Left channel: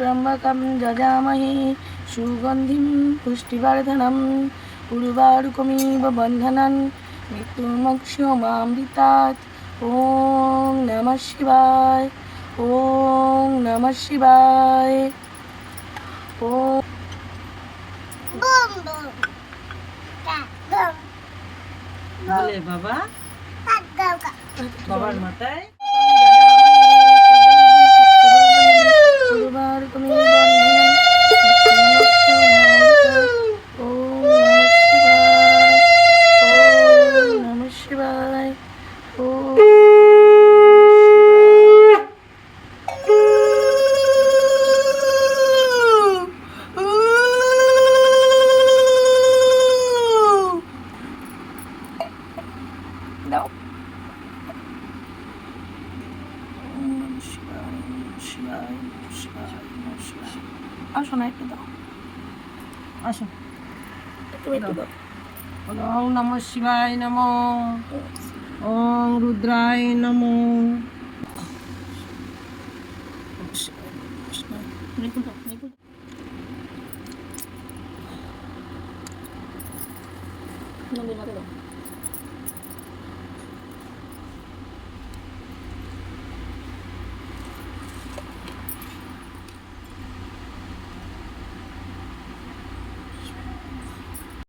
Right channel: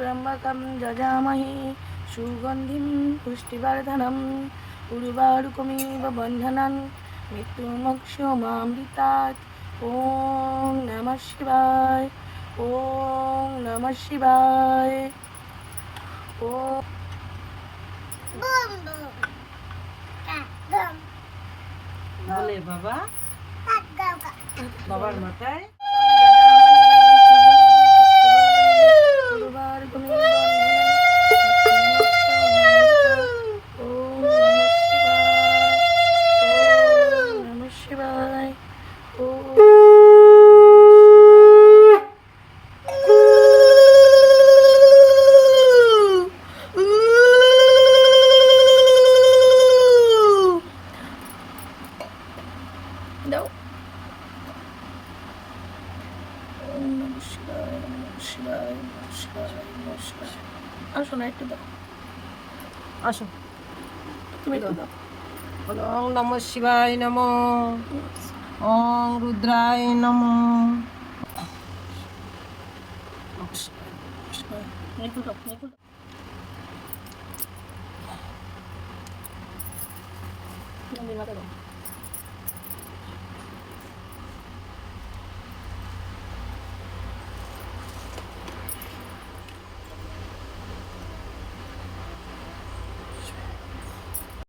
त्र्यम्बकं यजामहे सुगन्धिं पुष्टिवर्धनम् उर्वारुकमिव बन्धनान् मृत्युर्मोक्षमामृतात्। ॐ नमः शिवाय। ॐ नमः शिवाय। ॐ বলে বাবা বাবার মাথায় দাও। ওম নমঃ শিবায়, নমঃ শিবায়, নমঃ শিবায়, নমঃ শিবায়। আসো না, একটু দাও। আসো তুমি একটু দাও। ওম নমঃ শিবায় নমঃ। ওম রুদ্রায় নমঃ। নিকুল দাও, নিকুল দাও। নদীর মাথায় দাও।